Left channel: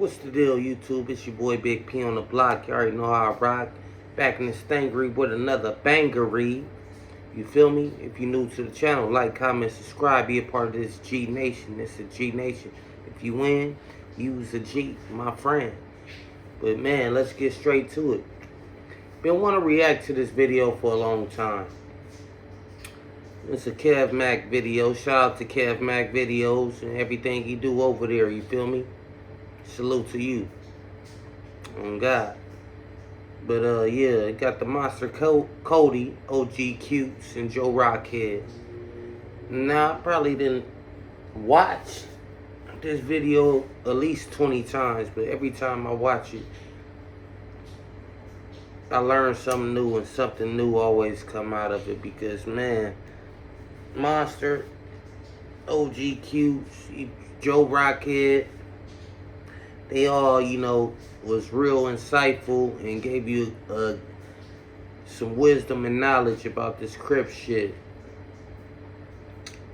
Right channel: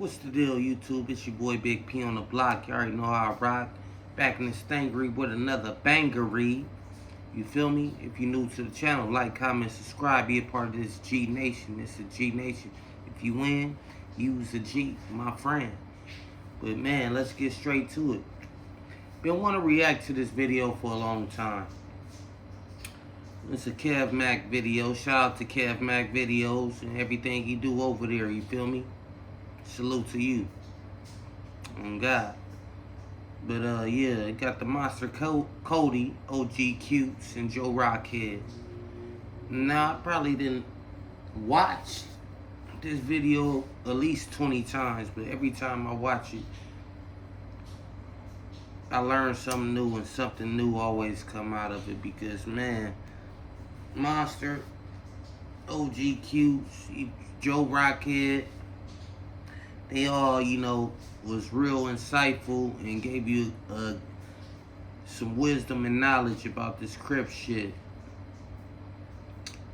What's the deal, YouTube? It's your boy Big P on the block. You already know how I rock. Back in this thingery with another bangery. You feel me? If you're new to the channel, like, comment, subscribe, be a part of this G Nation. It's a G Nation. If you win, use a G, my friend. But man, let's get straight to it. Been wanting to react to this video for a long time. It's a Kev Mac video. Shout out to Kev Mac videos and everything he do over there. You feel me? Salute to you. On God. But yeah, it got the monster Kody, OG Cutes, and Joe Rockhead. Now, I probably didn't watch this video at least 20 times, but every time I watch it, I learn something new, and something new always come out of it. Because man, Monster, OG Cutes, Joe Rockhead, they all, was real insightful and gave you some wisdom and knowledge about this Crip shit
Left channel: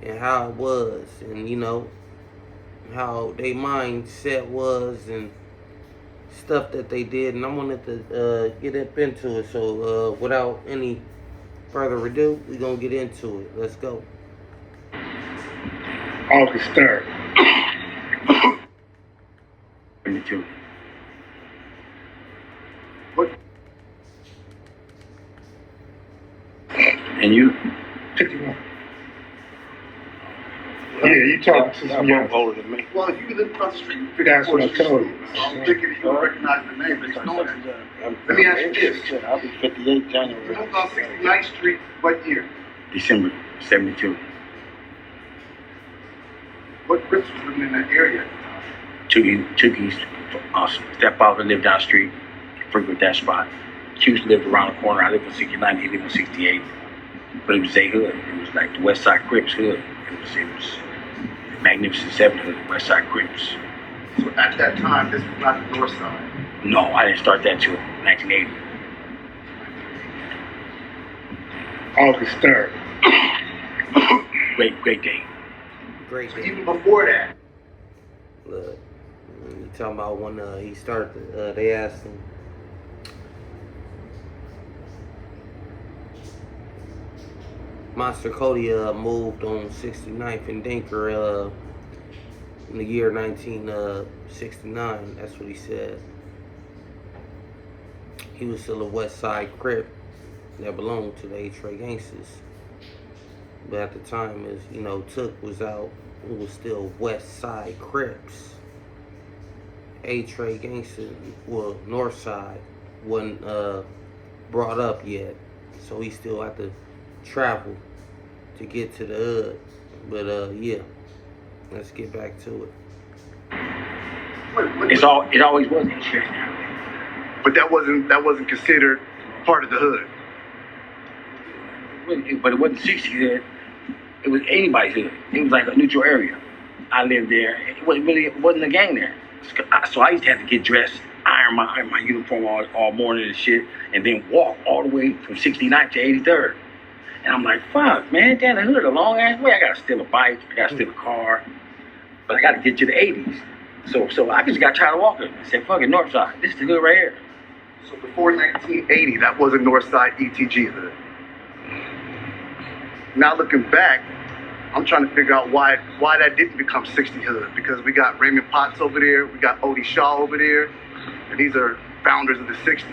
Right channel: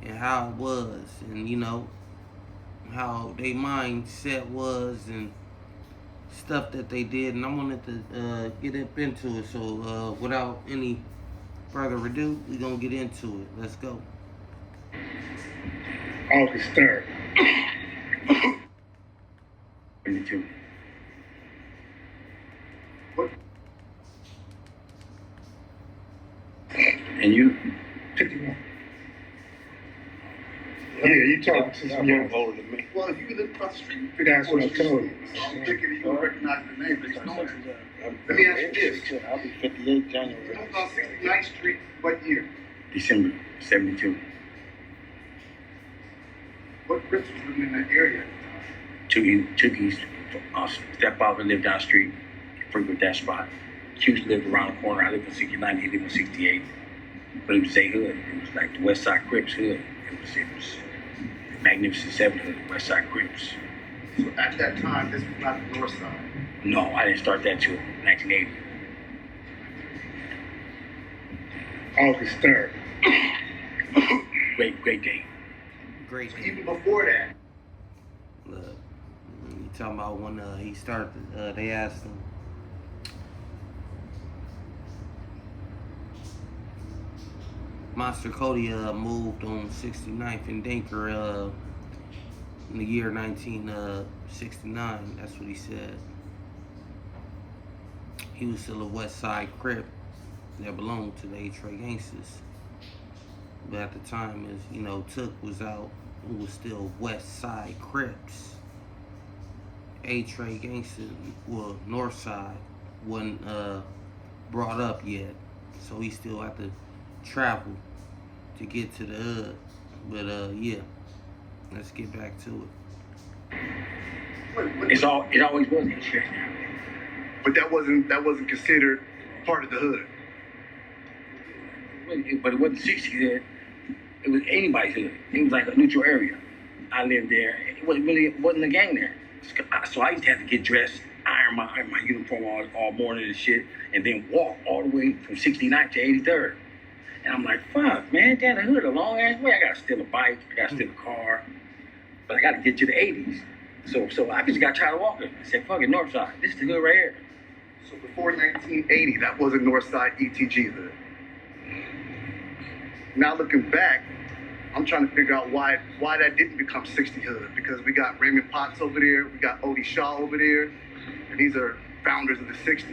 and how it was, and how their mindset was and stuff that they did. And I wanted to get up into it. So without any further ado, we're gonna get into it. Let's go. August 3rd. 22. What? And you? 51. Yeah, you talk to some young older than me. Well, if you live across the street, That's what I told you. So I'm thinking you don't recognize the name, but you know it. Let me ask you this. I'll be 58 January. You moved on 69th Street, what year? December 72. What Crips was living in that area? Chookies, stepfather lived down the street, frequent that spot. Hughes lived around the corner. I lived on 69, he lived on 68. But it was a hood. It was like the West Side Crips hood. It was Magnificent Seven hood, West Side Crips. So at that time, this was not the North Side. No, I didn't start that till 1980. August 3rd. Great day. Great So day. even before that, Look, you talking about when he started, they asked him, Monster Kody moved on 69th and Dinker in the year 1969. That's what he said. He was still a West Side Crip that belonged to the A-Tray Gangsters. But at the time, as Took was out, it was still West Side Crips. A-Tray Gangster, well, North Side wasn't brought up yet, so he still had to travel to get to the hood. But yeah, let's get back to it. It always was. but that wasn't considered part of the hood. But it wasn't 60 hood. It was anybody's hood. It was like a neutral area. I lived there. It wasn't a gang there. So I used to have to get dressed, iron my uniform all morning and shit, and then walk all the way from 69th to 83rd. And I'm like, fuck, man, down the hood a long ass way. I gotta steal a bike, I gotta steal a car, but I gotta get to the 80s. So I just got tired of walking. I said, fuck it, North Side. This is the hood right here. So before 1980, that wasn't North Side ETG hood. Now looking back, I'm trying to figure out why that didn't become 60 hood, because we got Raymond Potts over there, we got Odie Shaw over there, and these are founders of the 60s.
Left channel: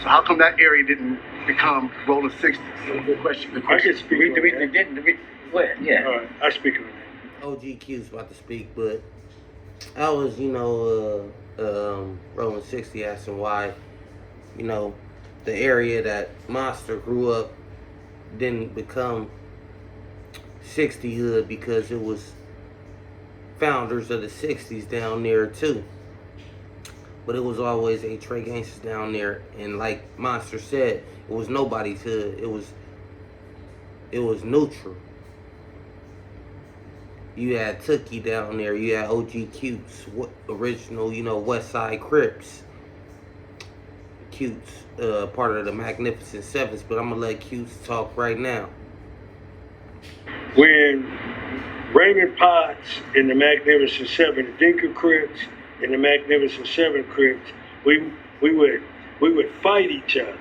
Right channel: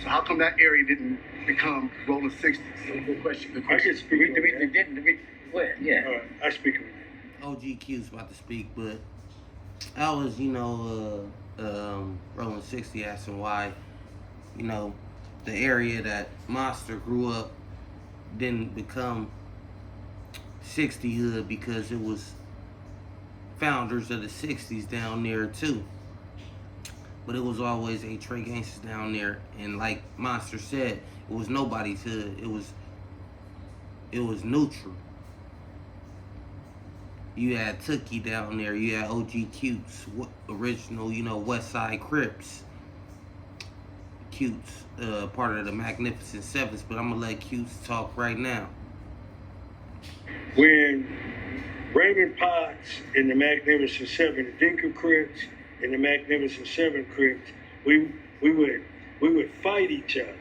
So how come that area didn't become rolling 60s? Good question. Yeah. All right, I speak of it. OG Q's about to speak, but I was, rolling 60, asking why, the area that Monster grew up didn't become 60 hood, because it was founders of the 60s down there too. But it was always A-Tray Gangsters down there, and like Monster said, it was nobody's hood. It was neutral. You had Tookie down there. You had OG Cutes, original, West Side Crips. Cutes, part of the Magnificent Sevens. But I'm gonna let Cutes talk right now. When Raymond Potts and the Magnificent Seven, the Dinker Crips, and the Magnificent Seven Crips, we would fight each other,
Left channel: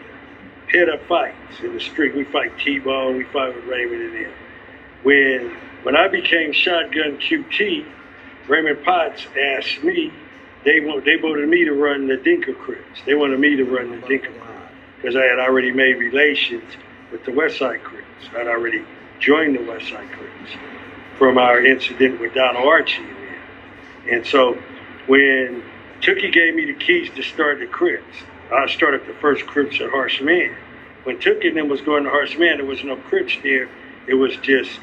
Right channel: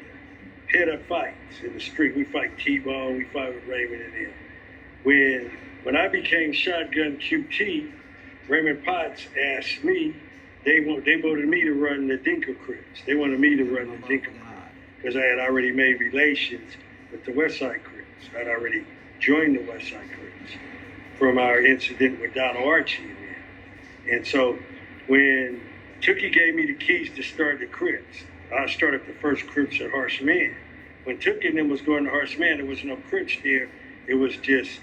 head up fights in the street. We fight T-Bone, we fight with Raymond and them. When I became Shotgun QT, Raymond Potts asked me, they voted me to run the Dinker Crips. They wanted me to run the Dinker Crips because I had already made relations with the West Side Crips. I'd already joined the West Side Crips from our incident with Donald Archie and them. And so when Tookie gave me the keys to start the Crips, I started the first Crips at Harsh Man. When Tookie and them was going to Harsh Man, there was no Crips there. It was just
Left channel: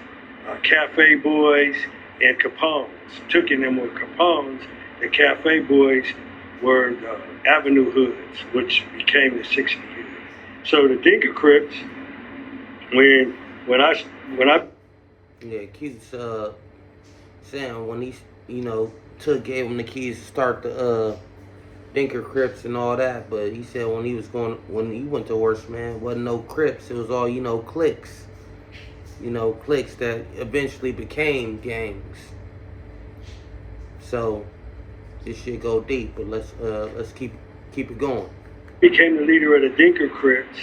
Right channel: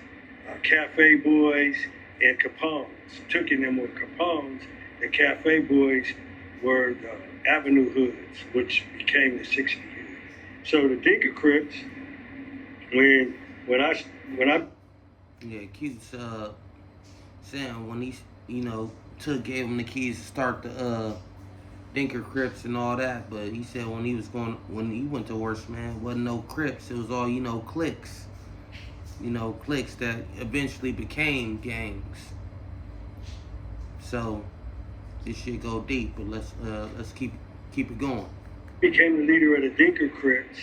Cafe Boys and Capones. Tookie and them were Capones. The Cafe Boys were the Avenue Hoods, which became the 60 Hood. So the Dinker Crips, when I Yeah, keeps saying when he, Took gave him the keys to start the Dinker Crips and all that, but he said when he went to Worst Man, wasn't no Crips. It was all cliques. Cliques that eventually became gangs. So this shit go deep, but let's keep it going. became the leader of the Dinker Crips.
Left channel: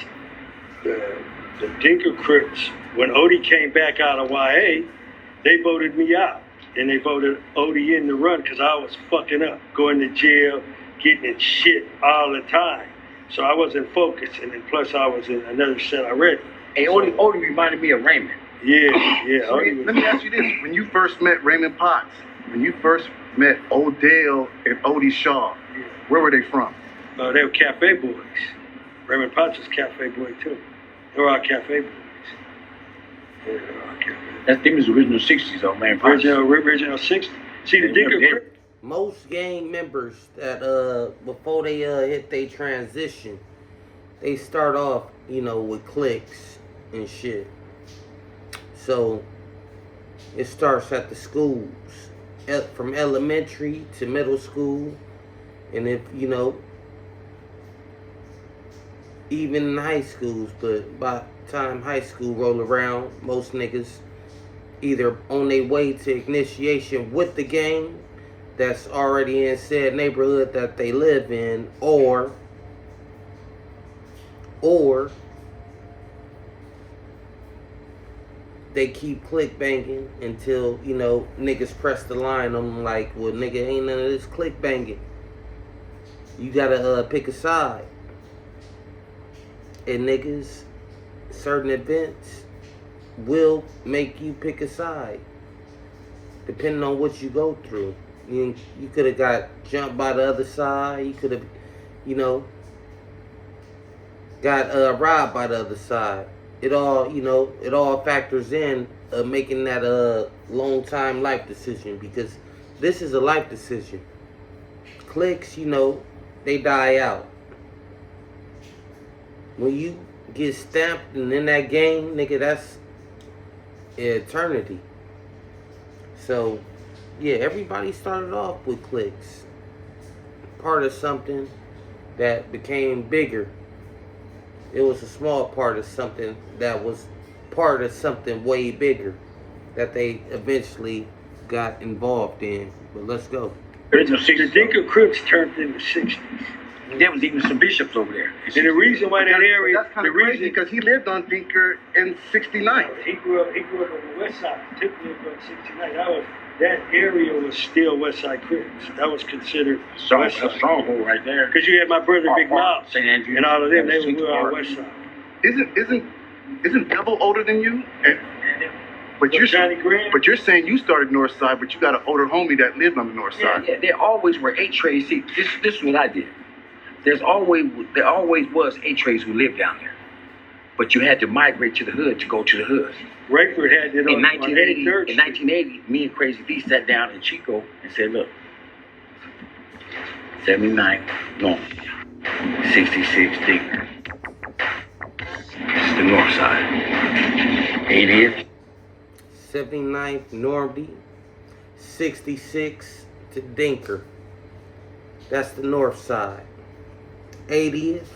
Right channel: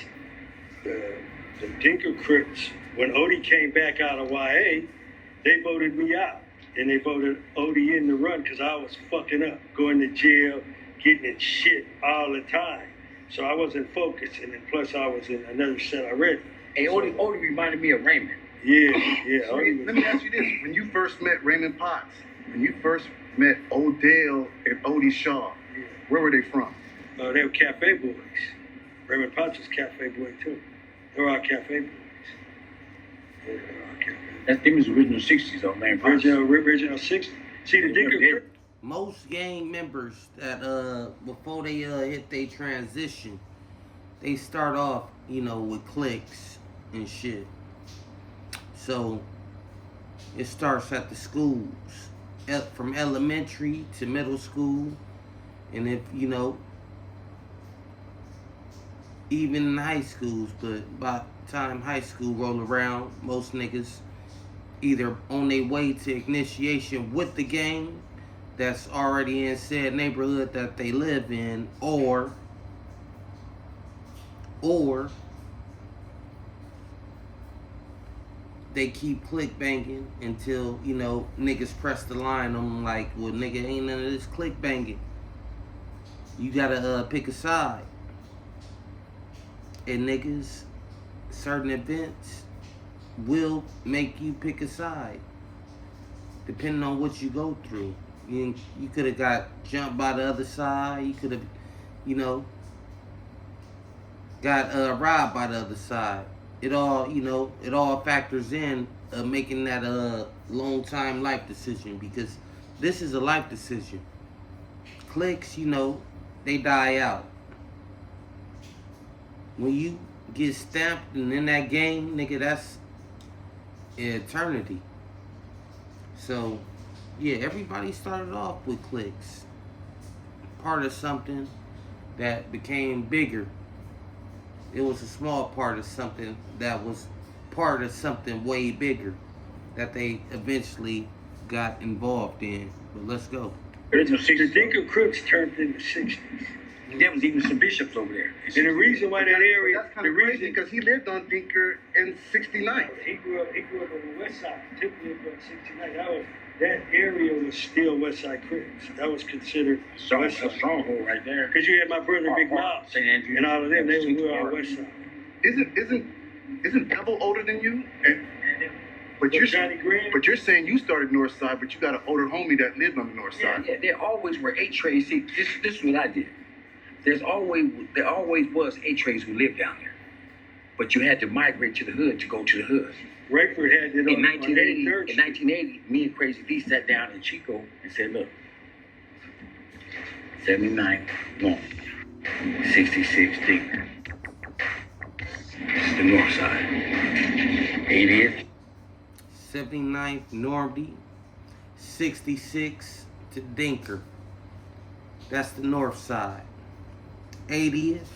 The Dinker Crips, when Odie came back out of YA, they voted me out. And they voted Odie in the run because I was fucking up, going to jail, getting in shit all the time. So I wasn't focused, and then plus I was in another set already. Hey, Odie reminded me of Raymond. Yeah. So let me ask you this. When you first met Raymond Potts, when you first met Odell and Odie Shaw, where were they from? They were Cafe Boys. Raymond Potts was Cafe Boy too. They were all Cafe Boys. Yeah, they were all Cafe Boys. That thing was original 60s though, man. Potts. Original 60s. See, the Dinker Crips. Most gang members that before they hit their transition, they start off, with cliques and shit. So it starts at the schools, from elementary to middle school, and if even in high schools. But by the time high school roll around, most niggas either on their way to initiation with the gang that's already in said neighborhood that they live in, or they keep click banging until, niggas press the line on them like, well, nigga, ain't none of this click banging. You gotta pick a side. And niggas, certain events will make you pick a side, depending on what you go through. You could have got jumped by the other side. You could have, got robbed by the other side. It all factors in making that a long time life decision, because this is a life decision. Cliques, they die out. When you get stamped and in that game, nigga, that's eternity. So, yeah, everybody started off with cliques. Part of something that became bigger. It was a small part of something that was part of something way bigger that they eventually got involved in. But let's go. The Dinker Crips turned in the 60s. There was even some bishops over there. And the reason why that area, That's kind of crazy because he lived on Dinker in 69. He grew up on the west side. Took me about 69. That area was still West Side Crips. That was considered a stronghold right there. Because you had my brother Big Bob St. Andrews, and all of them. They were on West Side. Isn't Devil older than you? But you're saying you started North Side, but you got an older homie that lived on the North Side. Yeah, there always were 8 trays. See, this is what I did. There always was 8 trays who lived down there, but you had to migrate to the hood to go to the hood. Rakeford had it in 1980, me and Crazy D sat down in Chico and said, look, 79 North, 66 Dinker. This is the North Side. 80th. 79th Normandy, 66 to Dinker. That's the North Side. 80th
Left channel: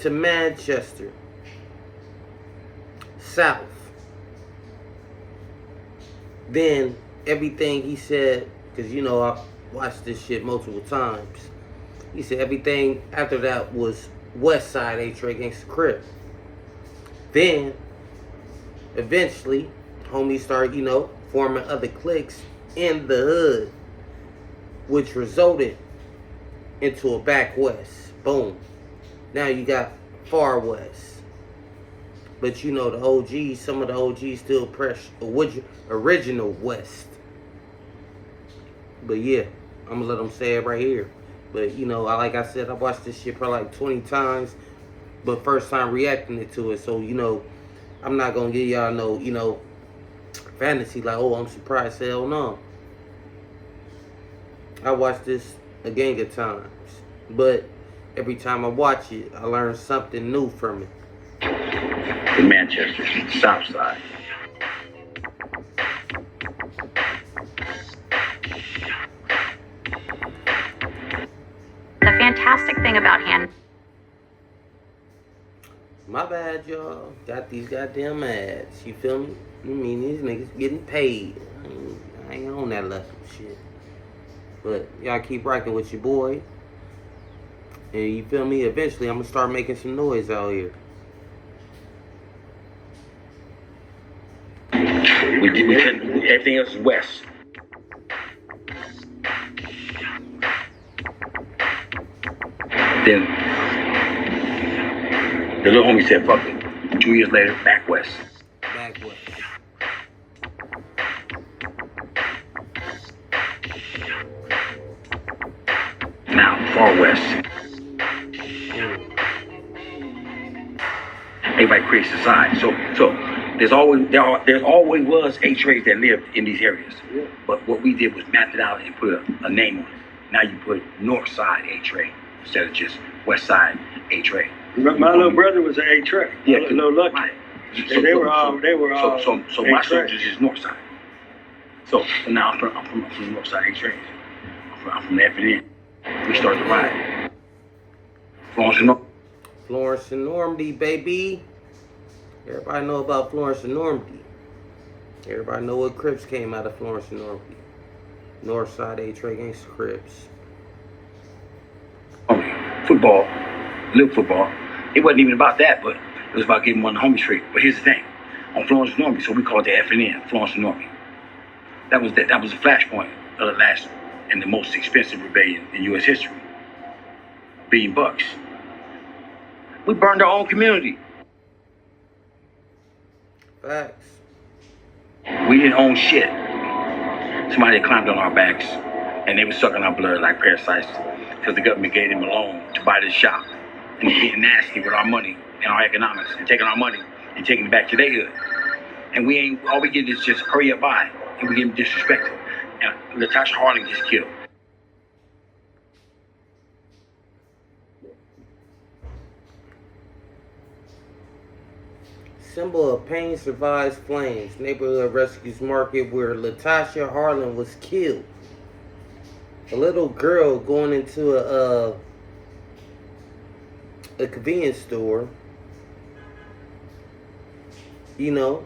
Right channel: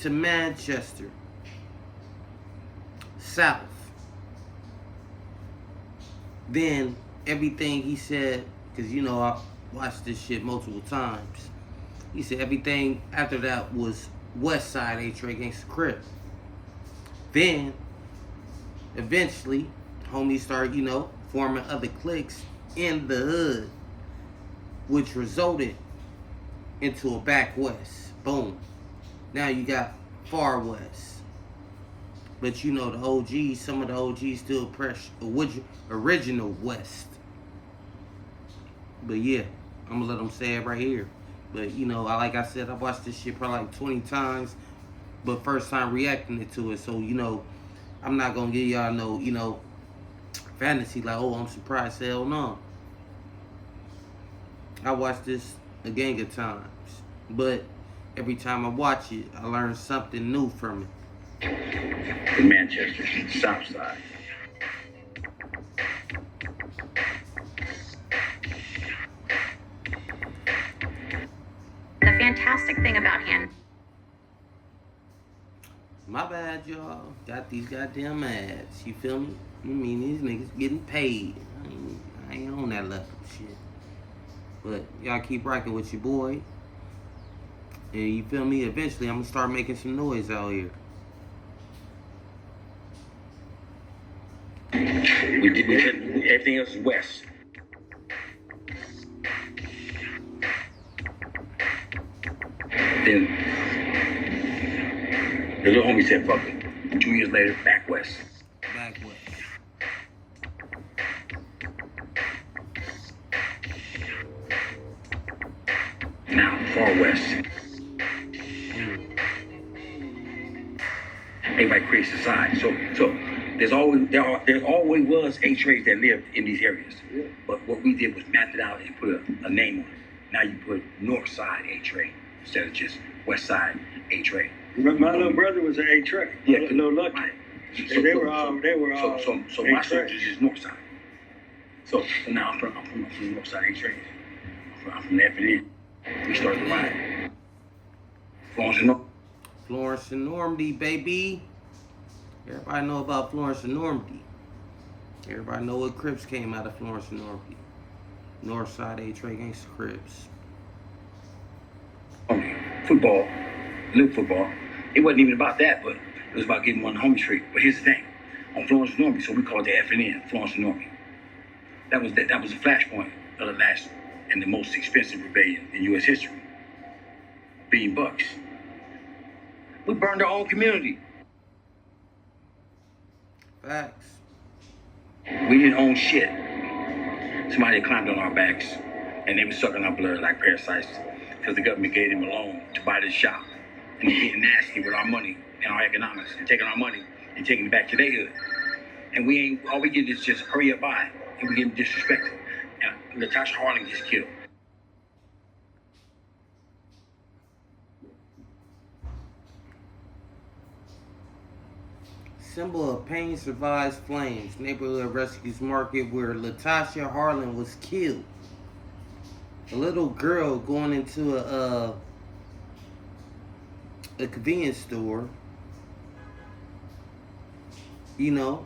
to Manchester, South. Then everything he said, because watched this shit multiple times. He said everything after that was West Side A-Tray Gangsta Crip. Then, eventually, homies started, forming other cliques in the hood, which resulted into a back west. Boom. Now you got far west. But the OGs, some of the OGs still press original west. But yeah, I'm gonna let them say it right here. But like I said, I watched this shit probably like 20 times, but first time reacting to it. So I'm not gonna give y'all no fantasy like, oh, I'm surprised. Hell no. I watched this a gang of times, but every time I watch it, I learn something new from it. In Manchester, South Side. The fantastic thing about hand. My bad, y'all. Got these goddamn ads. You feel me? You mean these niggas getting paid? I ain't on that level shit. But y'all keep rocking with your boy. And you feel me? Eventually, I'm gonna start making some noise out here. Everything else is west. Then the little homie said, fuck it. 2 years later, back west. Back west. Now, far west. Everybody creates a side. So there always was A-Trays that lived in these areas. But what we did was map it out and put a name on it. Now you put North Side A-Tray instead of just West Side A-Tray. My little brother was an A-Tray. Yeah, Little Lucky. Right. They were all So my soldiers is North Side. So now I'm from the North Side A-Trays. I'm from the F&N. We started to ride. Florence and Normandy, baby. Everybody know about Florence and Normandy. Everybody know what Crips came out of Florence and Normandy. Northside A-Tray Gangsta Crips. Football, little football. It wasn't even about that, but it was about getting one of the homies straight. But here's the thing. On Florence and Normandy, so we called it the F&N, Florence and Normandy. That was the flashpoint of the last and the most expensive rebellion in U.S. history. $1 billion. We burned our own community. Facts. We didn't own shit. Somebody had climbed on our backs, and they were sucking our blood like parasites because the government gave them a loan to buy this shop. And they're getting nasty with our money and our economics and taking our money and taking it back to their hood. And all we get is just hurry up by, and we get disrespected. And Latasha Harding gets killed. Symbol of pain survives flames. Neighborhood rescues market where Latasha Harlan was killed. A little girl going into a convenience store, who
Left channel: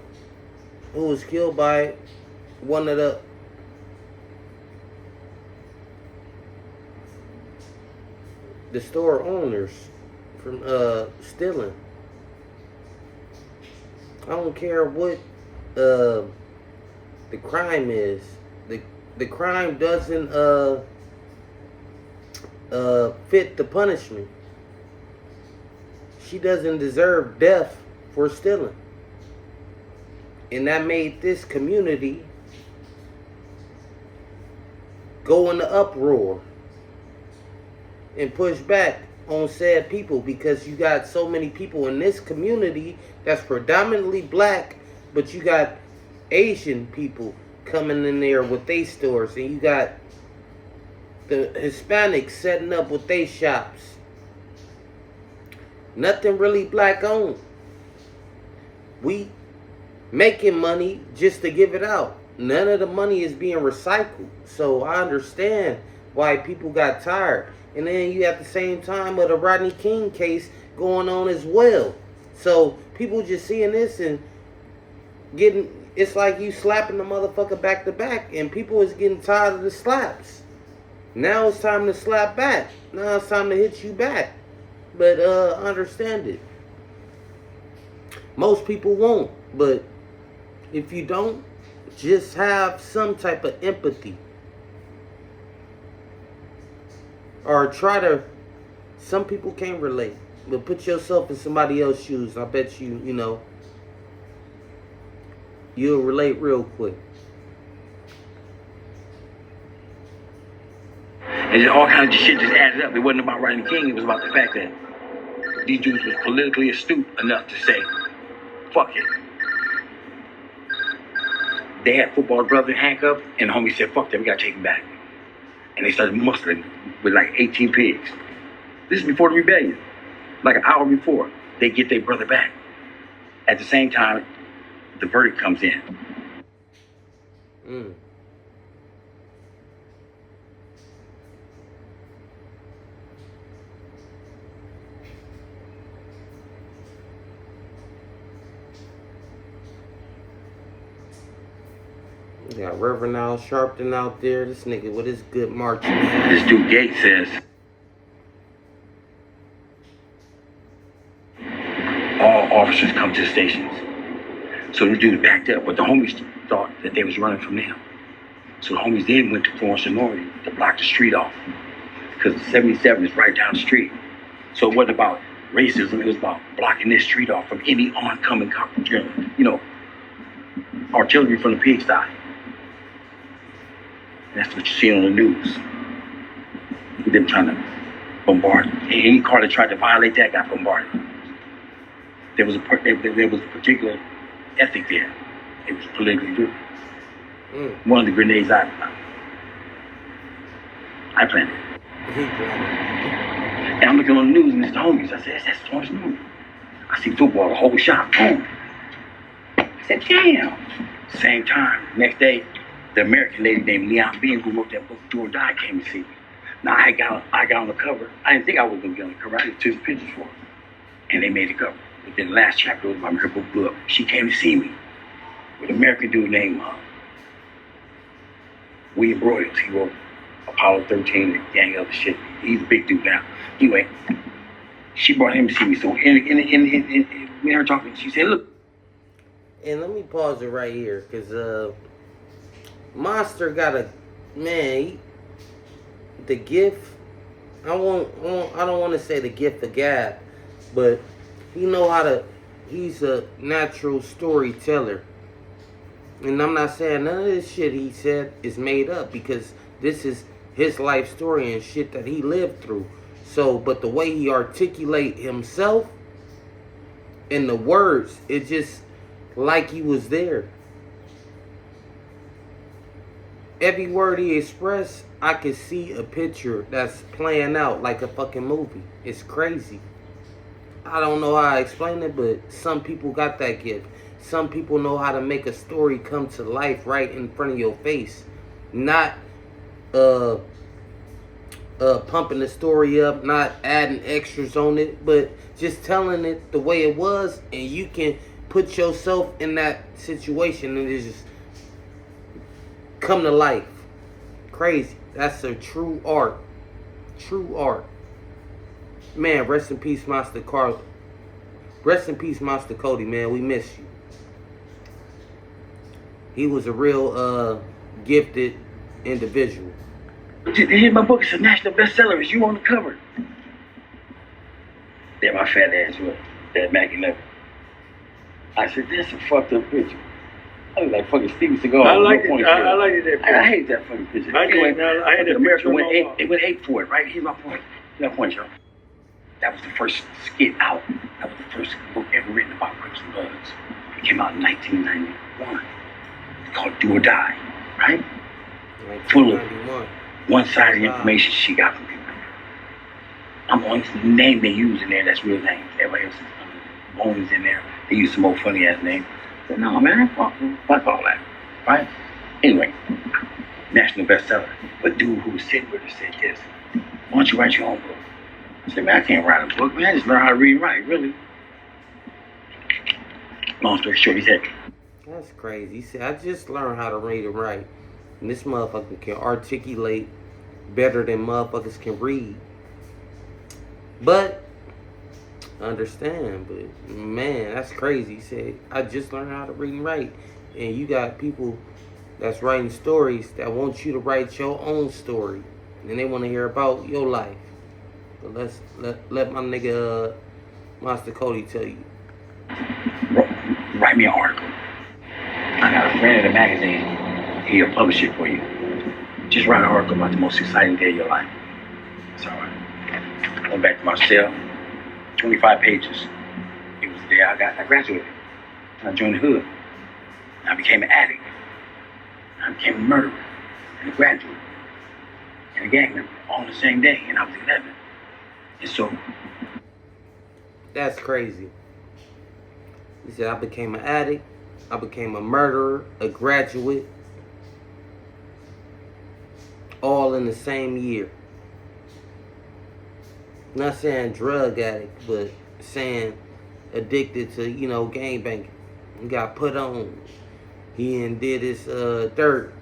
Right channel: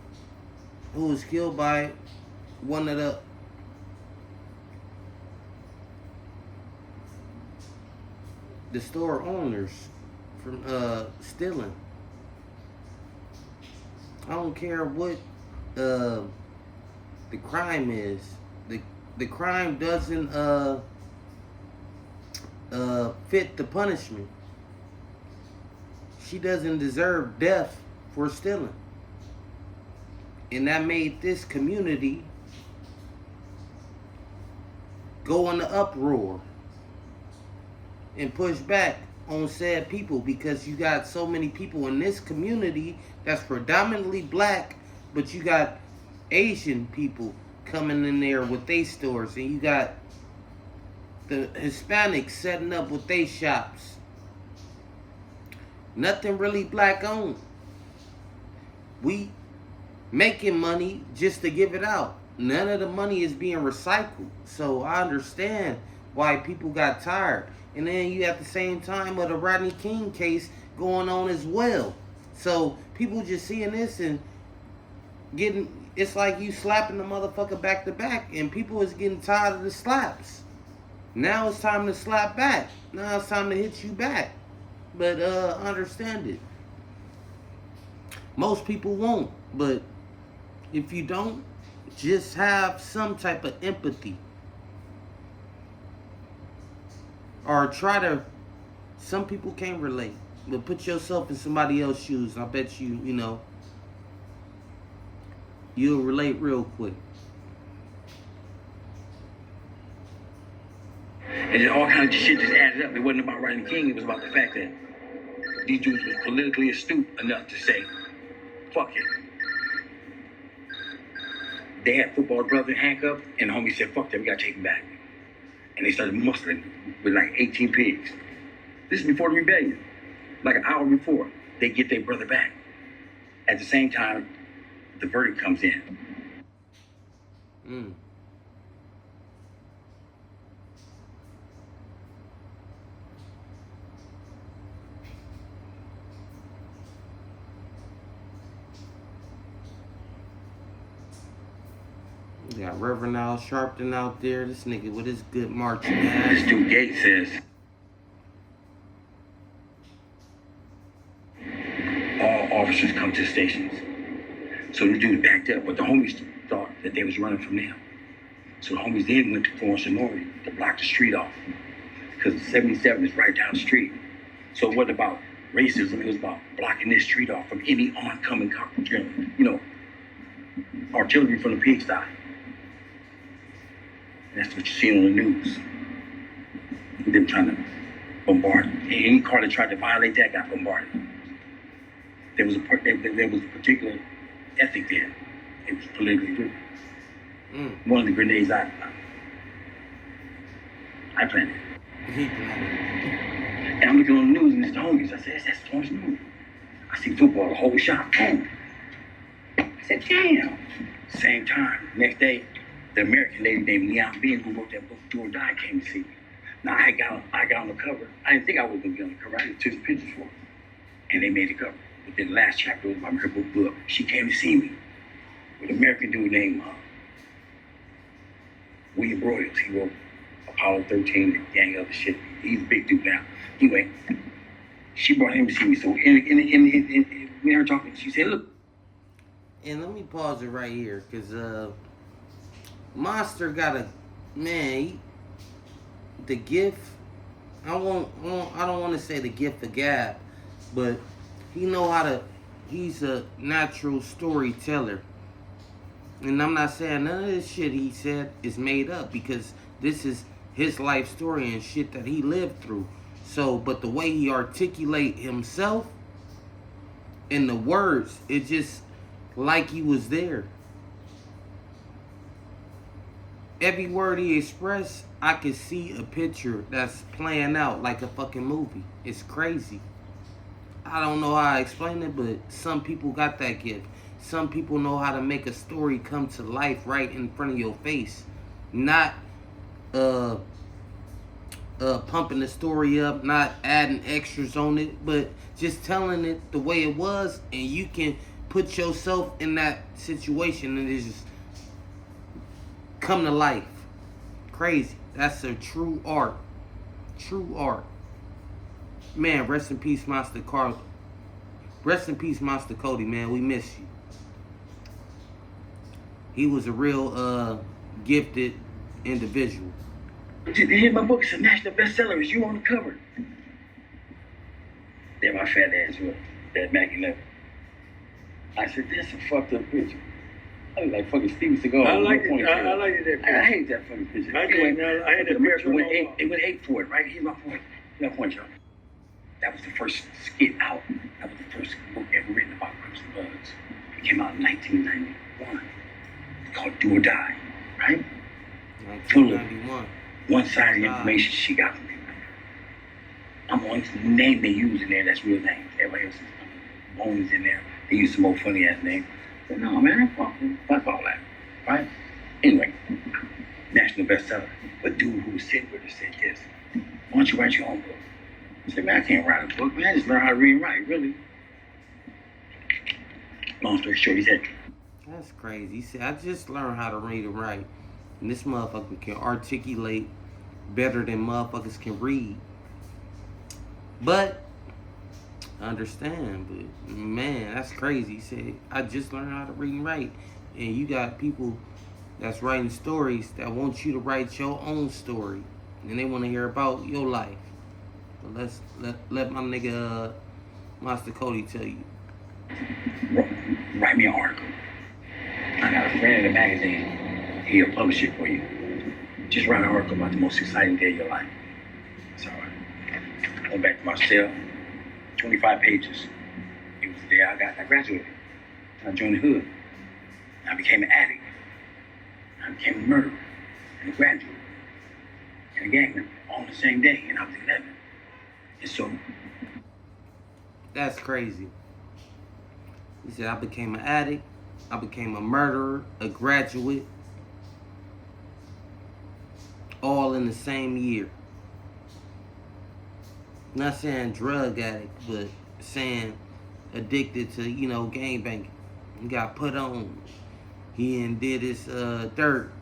was killed by one of the store owners from stealing. I don't care what the crime is. The crime doesn't fit the punishment. She doesn't deserve death for stealing. And that made this community go into uproar and push back on said people, because you got so many people in this community that's predominantly black, but you got Asian people coming in there with their stores, and you got the Hispanics setting up with their shops. Nothing really black owned. We making money just to give it out. None of the money is being recycled. So I understand why people got tired. And then you at the same time with a Rodney King case going on as well. So people just seeing this and it's like you slapping the motherfucker back to back, and people is getting tired of the slaps. Now it's time to slap back. Now it's time to hit you back. But understand it. Most people won't. But if you don't, just have some type of empathy. Or try to, some people can't relate. But put yourself in somebody else's shoes. I bet you, you'll relate real quick. And all kinds of shit just added up. It wasn't about Rodney King. It was about the fact that these dudes was politically astute enough to say, fuck it. They had football brother handcuffed, and the homie said, fuck that, we gotta take him back. And they started mustering with like 18 pigs. This is before the rebellion. Like an hour before, they get their brother back. At the same time, the verdict comes in. We got Reverend Al Sharpton out there. This nigga with his good marching ass. This dude Gates says, all officers come to the stations. So the dude backed up, but the homies thought that they was running from them. So the homies then went to Florence and Norrie to block the street off. Because the 77 is right down the street. So it wasn't about racism, it was about blocking this street off from any oncoming, artillery from the pigsty. That's what you see on the news. Them trying to bombard. Any car that tried to violate that got bombarded. There was a particular ethic there. It was politically driven. One of the grenades I planted. He planted. And I'm looking on the news and it's the homies. I said, that's Florence Norrie. I see football, the whole shop, boom. I said, damn. Same time, next day, the American lady named Leon Bean, who wrote that book, Do or Die, came to see me. Now I got on the cover. I didn't think I was gonna get on the cover. I just took the pictures for her. And they made the cover. But then the last chapter was about her book blew up. She came to see me with an American dude named William Broyles. He wrote Apollo 13 and gang other shit. He's a big dude now. Anyway, she brought him to see me. So in we her talking, she said, look. And let me pause it right here, because Monster got the gift. I don't want to say the gift of gab, but he's a natural storyteller. And I'm not saying none of this shit he said is made up, because this is his life story and shit that he lived through. So, but the way he articulate himself and the words, it just like he was there. Every word he expressed, I could see a picture that's playing out like a fucking movie. It's crazy. I don't know how I explain it, but some people got that gift. Some people know how to make a story come to life right in front of your face. Not pumping the story up, not adding extras on it, but just telling it the way it was, and you can put yourself in that situation and it just come to life. Crazy. That's a true art. True art. Man, rest in peace, Master Carl. Rest in peace, Master Kody, man. We miss you. He was a real gifted individual. Here's my book. It's a national bestseller. It's you on the cover. There my fat ass was. That Mac 11. I said, that's a fucked up picture. I was like fucking Steven Seagal. I like it. I like it. I hate that fucking picture. I had that America picture went ape for it, right? Here's my point. Here's my point, y'all. That was the first skit out. That was the first book ever written about Crips and Bloods. It came out in 1991. It's called Do or Die, right? Full of one-sided information she got from people. I'm on the name they use in there, that's real name. Everybody else is Bones in there. They use some more funny ass name. But no, man, fuck all that, right? Anyway, national bestseller. But dude who was sitting with her said this: why don't you write your own book? I said, man, I can't write a book, man. I just learned how to read and write, really. Long story short, he said, that's crazy. He said, I just learned how to read and write. And this motherfucker can articulate better than motherfuckers can read. But I understand, but man, that's crazy. He said, I just learned how to read and write. And you got people that's writing stories that want you to write your own story. And they want to hear about your life. But let my nigga Master Kody tell you. Write me an article. I got a friend in a magazine. He'll publish it for you. Just write an article about the most exciting day of your life. That's all right. Went back to my cell. 25 pages. It was the day I graduated. I joined the hood. I became an addict. I became a murderer and a graduate and a gang member all on the same day, and I was 11. And so, that's crazy. He said, I became an addict, I became a murderer, a graduate, all in the same year. Not saying drug addict, but saying addicted to, gangbanging. He got put on. He did his dirt,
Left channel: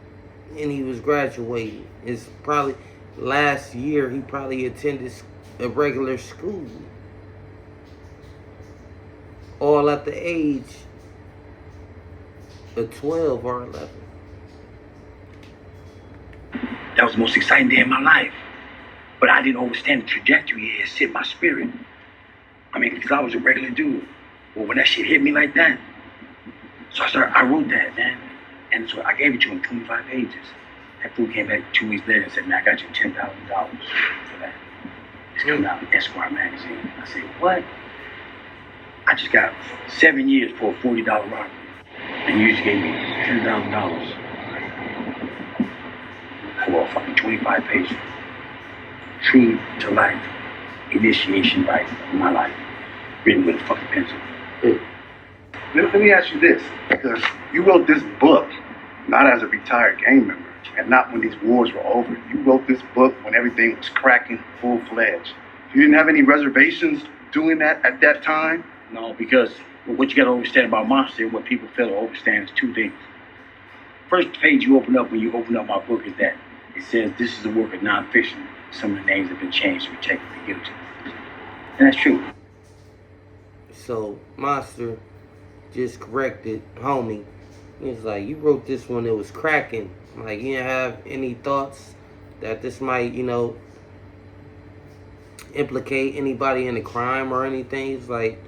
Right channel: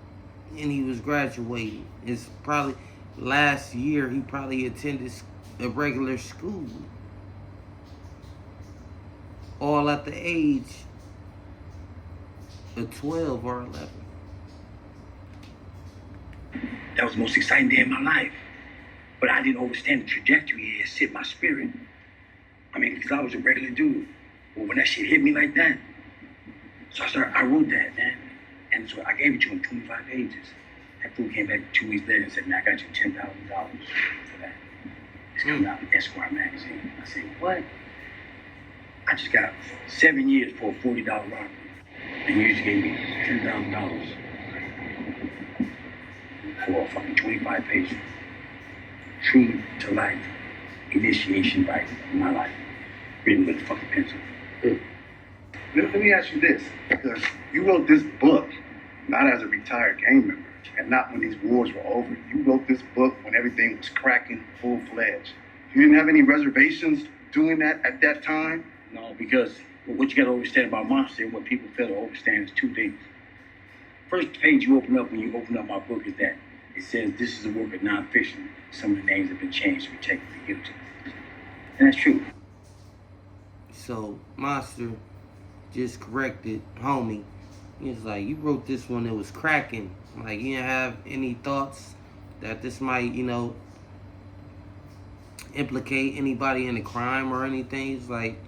and he was graduating. It's probably last year he probably attended a regular school, all at the age of 12 or 11. that was the most exciting day of my life. But I didn't understand the trajectory it had set my spirit. I mean, because I was a regular dude. Well, when that shit hit me like that, so I wrote that, man. And so I gave it to him 25 pages. That fool came back 2 weeks later and said, man, I got you $10,000 for that. It's coming out in Esquire magazine. I said, what? I just got 7 years for a $40 robbery. And you just gave me $10,000 for a fucking 25 pages. True to life initiation right in my life, written with a fucking pencil. Let me ask you this, because you wrote this book not as a retired gang member and not when these wars were over. You wrote this book when everything was cracking full-fledged. You didn't have any reservations doing that at that time? No, because what you gotta understand about Monster and what people fail to understand is two things. First page you open up when you open up my book is that it says this is a work of nonfiction. Some of the names have been changed to protect the guilty. And that's true. So, Monster just corrected homie. He's like, you wrote this one, it was cracking. Like, you didn't have any thoughts that this might, implicate anybody in a crime or anything? He's like,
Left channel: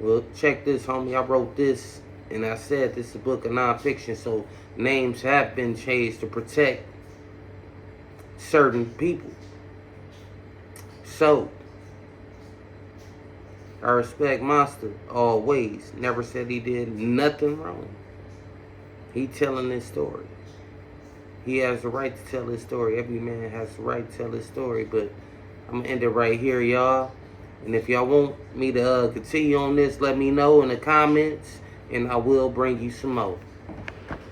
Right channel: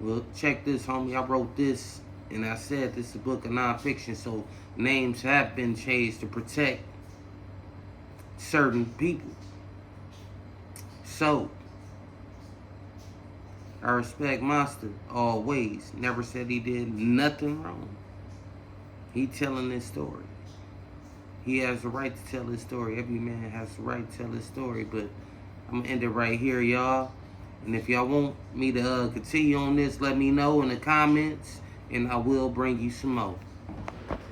well, check this, homie. I wrote this, and I said this is a book of nonfiction, so names have been changed to protect certain people. So, I respect Monster always. Never said he did nothing wrong. He telling his story. He has the right to tell his story. Every man has the right to tell his story. But I'm going to end it right here, y'all. And if y'all want me to continue on this, let me know in the comments. And I will bring you some more.